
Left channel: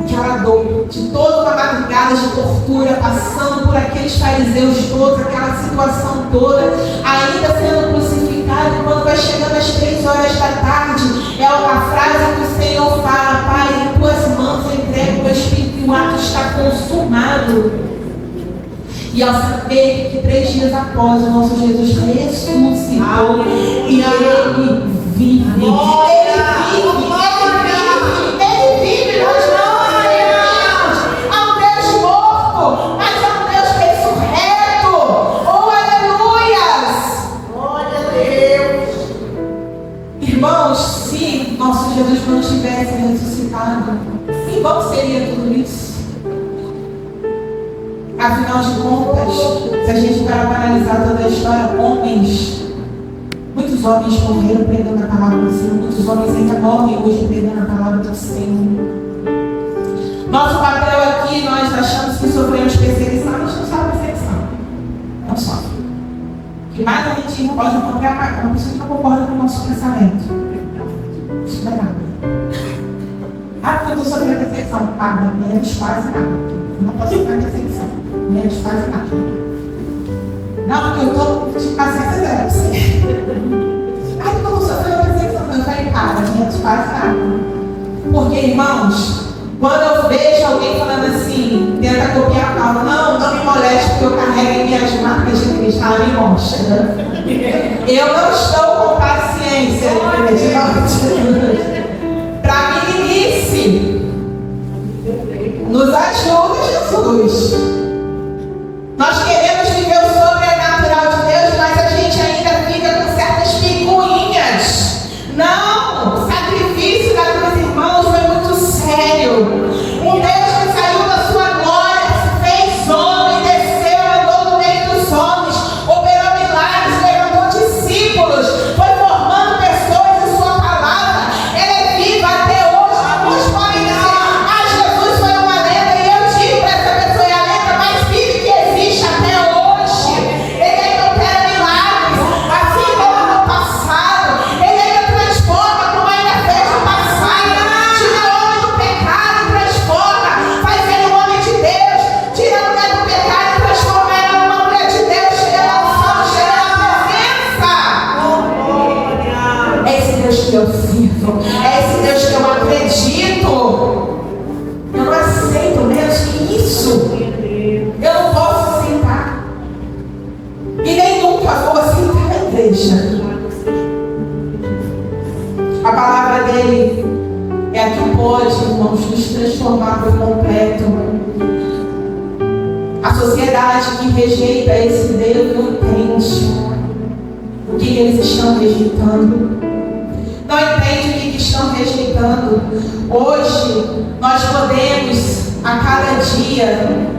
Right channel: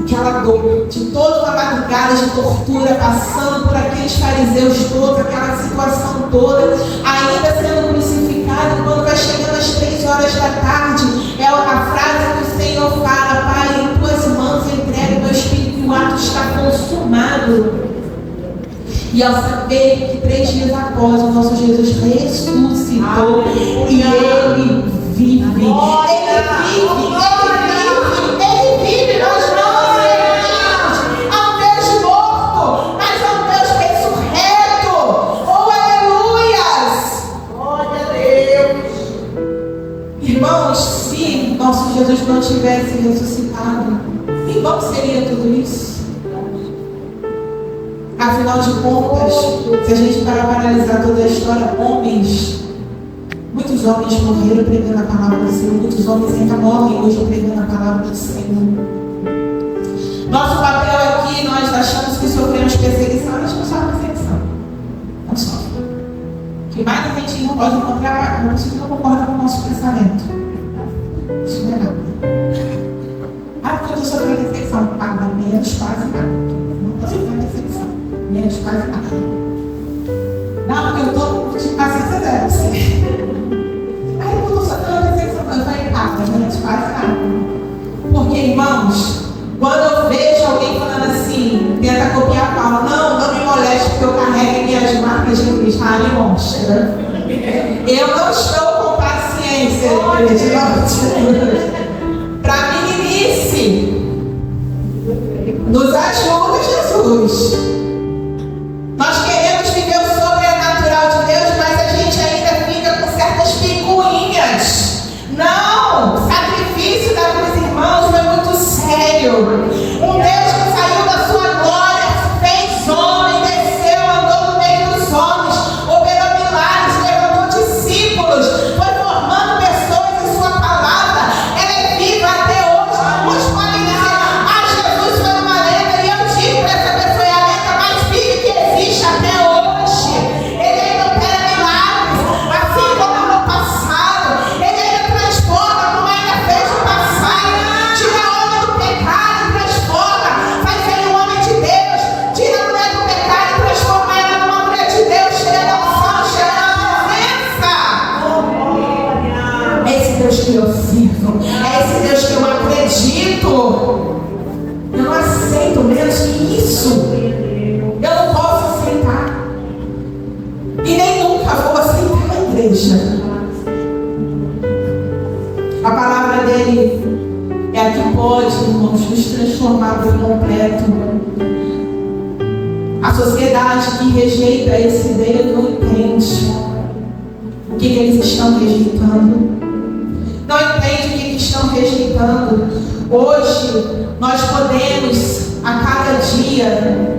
Aquela dor de toda uma madrugada de tortura, passando por aqueles fariseus todos, aquela situação toda, ainda sendo crucificado. E quando vai chegando às 3 horas da tarde, é a frase que o Senhor fala: Pai, em tuas mãos eu entrego o meu espírito, e o ato está consumado. E ao saber que 3 dias após o nosso Jesus ressuscitou, e Ele vive, nós não seremos a um Deus morto, mas a um Deus ressurreto. Oh, aleluias! Glória a Deus. Irmãos, se nosso Jesus não tivesse ressuscitado, em vão seria tudo isso? Afinal de contas, se a gente parar para analisar toda a história, muitos homens morreram pregando a palavra do Senhor, muitos homens ainda morrem hoje pregando a palavra do Senhor. Nosso papel aqui, nós achamos que sofremos perseguição, a gente não sofre perseguição. Não sofre. O que mais a gente não pode encontrar uma pessoa que não concorda com o nosso pensamento. Isso não é nada. Ah, porque eu estou sofrendo perseguição. Ah, menos quase nada. Não posso sofrer perseguição. Menos quase nada. Não, porque eu estou de paciência zero. Ai, porque eu estou sofrendo perseguição. Eu falei, menos quase nada. Porque, irmãos, quando eu vejo alguém falando assim, tenta copiar Paulo, não me moleste porque eu carrego minhas marcas de Cristo. Ah, me mostra. Eu não estou com paciência, para meninice. Nos ajuda, Jesus. Nós queremos viver o sobrenatural de Deus, mas a gente ainda fica com certas picuinhas. Não! O sacrifício da cruz, irmãos, foi muito sério. Um Deus que saiu da sua glória, se fez homem, desceu, andou no meio dos homens, operou milagres, levantou discípulos, foi formando pessoas em sua palavra. Ela é viva até hoje. Alguns podem dizer, Jesus foi uma lenda, e eu digo para essa pessoa, é a lenda mais viva que existe até hoje. Ele ainda opera milagres, assim como no passado. Ele ainda transforma, como ainda fez no passado. Tira o homem do pecado e transforma, faz ele um homem de Deus. Tira a mulher do pecado e transforma ela numa mulher de Deus, cheia da unção, cheia da presença. É esse Deus que eu sirvo, é esse Deus que eu acredito. Eu não aceito menos que isso. Eu não posso aceitar. E nem nunca vou aceitar a igreja. A palavra dele é a que pode, irmãos, nos transformar por completo. A sociedade que rejeita esse Deus não entende o que eles estão rejeitando. Não entende o que estão rejeitando. Hoje, nós podemos, a cada dia,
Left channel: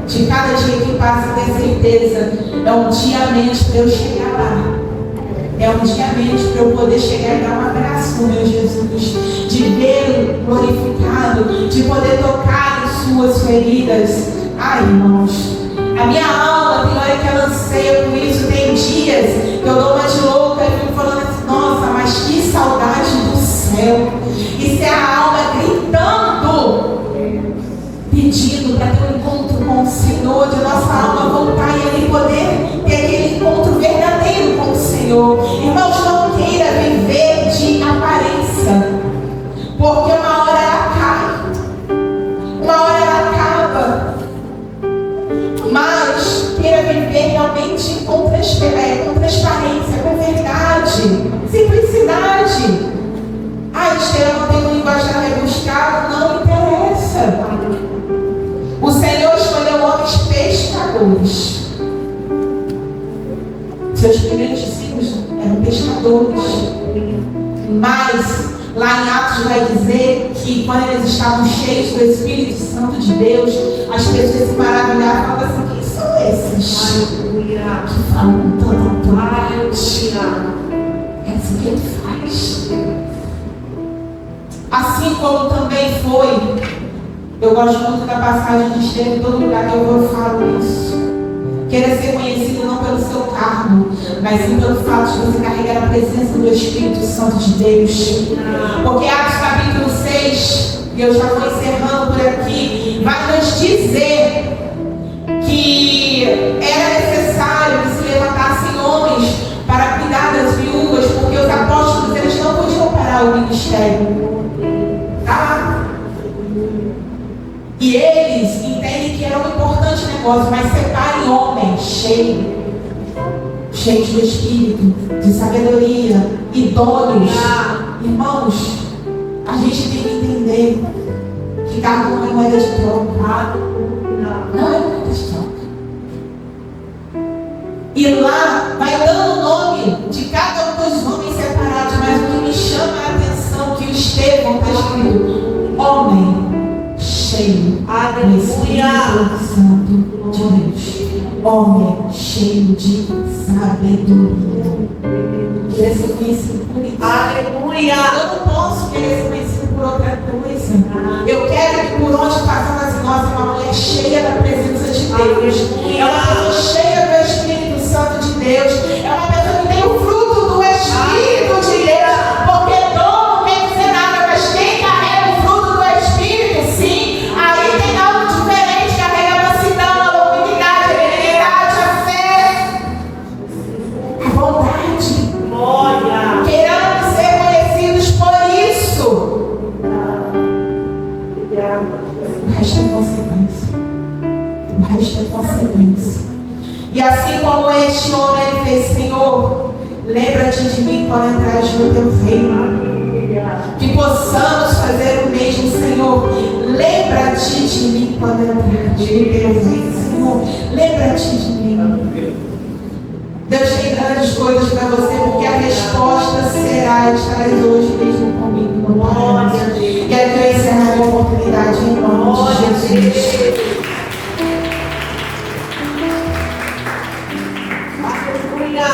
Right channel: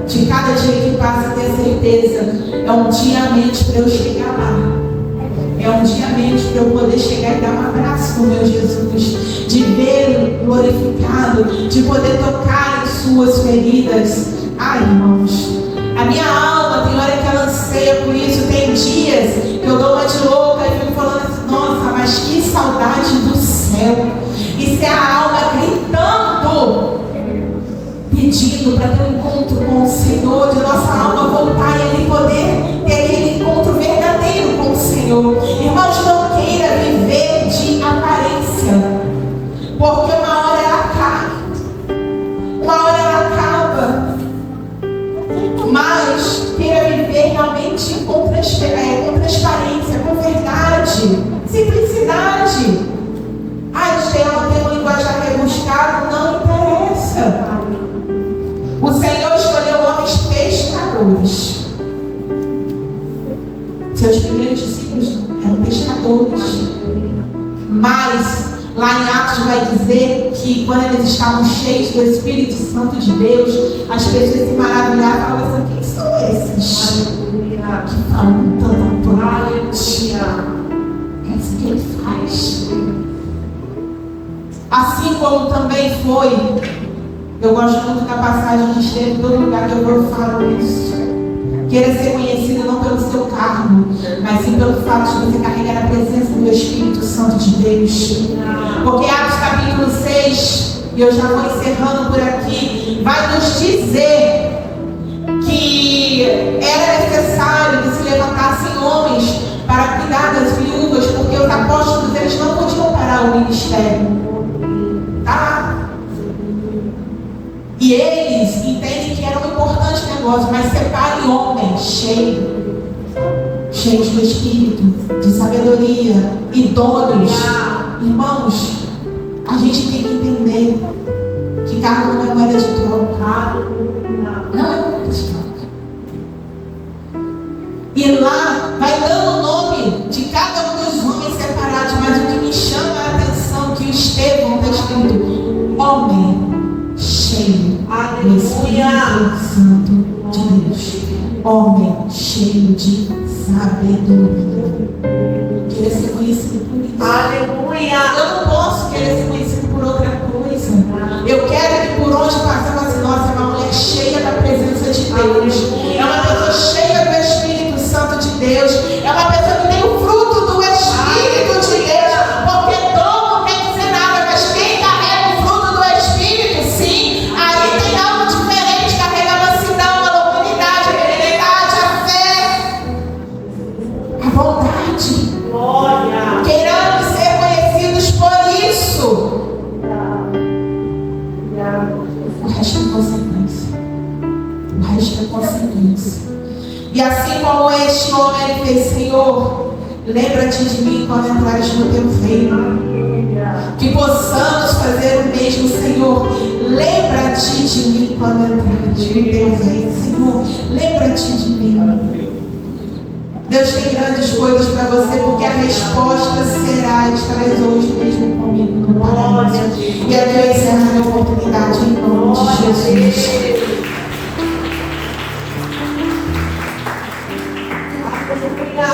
de cada dia que passa, ter certeza, é um dia a menos para eu chegar lá. é um dia a menos para eu poder chegar e dar um abraço no meu Jesus, de vê-lo glorificado, de poder tocar em suas feridas. Ai, irmãos, a minha alma tem hora que ela anseia por isso. Tem dias que eu dou uma de louca e fico falando assim, nossa, mas que saudade do céu. Isso é a alma gritando, pedindo para ter um encontro com o Senhor, de nossa alma voltar e ali poder ter aquele encontro verdadeiro com o Senhor. Irmãos, não queira viver de aparência, porque uma hora ela cai, uma hora ela acaba, mas queira viver realmente com transparência, com verdade, simplicidade. Ela tem um linguajar rebuscado, não interessa. O Senhor escolheu homens pescadores. Seus primeiros discípulos eram pescadores. Mas lá em Atos vai dizer que quando eles estavam cheios do Espírito Santo de Deus, as pessoas se maravilhavam e falavam assim, quem são esses que falam tanto? É assim que ele faz. Assim como também foi, eu gosto muito da passagem de Estevão, em todo lugar que eu falo isso. Queira ser conhecido não pelo seu cargo, mas sim pelo fato de você carregar a presença do Espírito Santo de Deus. Porque Atos capítulo 6, e eu já vou encerrando por aqui, vai nos dizer que era necessário que se levantassem homens para cuidar das viúvas, porque os apóstolos eles não podiam parar o ministério. E eles entendem que era um importante negócio, mas separem homens cheios do Espírito, de sabedoria, idôneos. Irmãos, a gente tem que entender que cargo não é moeda de troca. Não é moeda de troca. E lá vai dando o nome de cada um dos homens separados, mas o que me chama a atenção é que o Estevão está escrito homem cheio do Espírito Santo de Deus, homem cheio de sabedoria. Queria ser conhecido por isso. Aleluia. Eu não posso querer ser conhecido por outra coisa. Eu quero que por onde passamos assim, nossa, é uma mulher cheia da presença de Deus, é uma pessoa cheia do Espírito Santo de Deus, é uma pessoa que tem o fruto do Espírito de Deus, porque dom não quer dizer nada, mas quem carrega o fruto do Espírito, sim, aí tem algo diferente, carrega a mansidão, a longanimidade, a benignidade, a fé, a bondade. Queiramos ser conhecidos por isso. O resto é consequência. O resto é consequência. E assim como este homem ele fez, Senhor, lembra-te de mim quando entrares no teu reino. Que possamos fazer o mesmo, Senhor. Lembra-te de mim quando entrares no teu reino, Senhor. Lembra-te de mim. Deus tem grandes coisas para você, porque a resposta será: estarás hoje mesmo comigo no paraíso. E aqui eu encerro a oportunidade em nome de Jesus. Aleluia.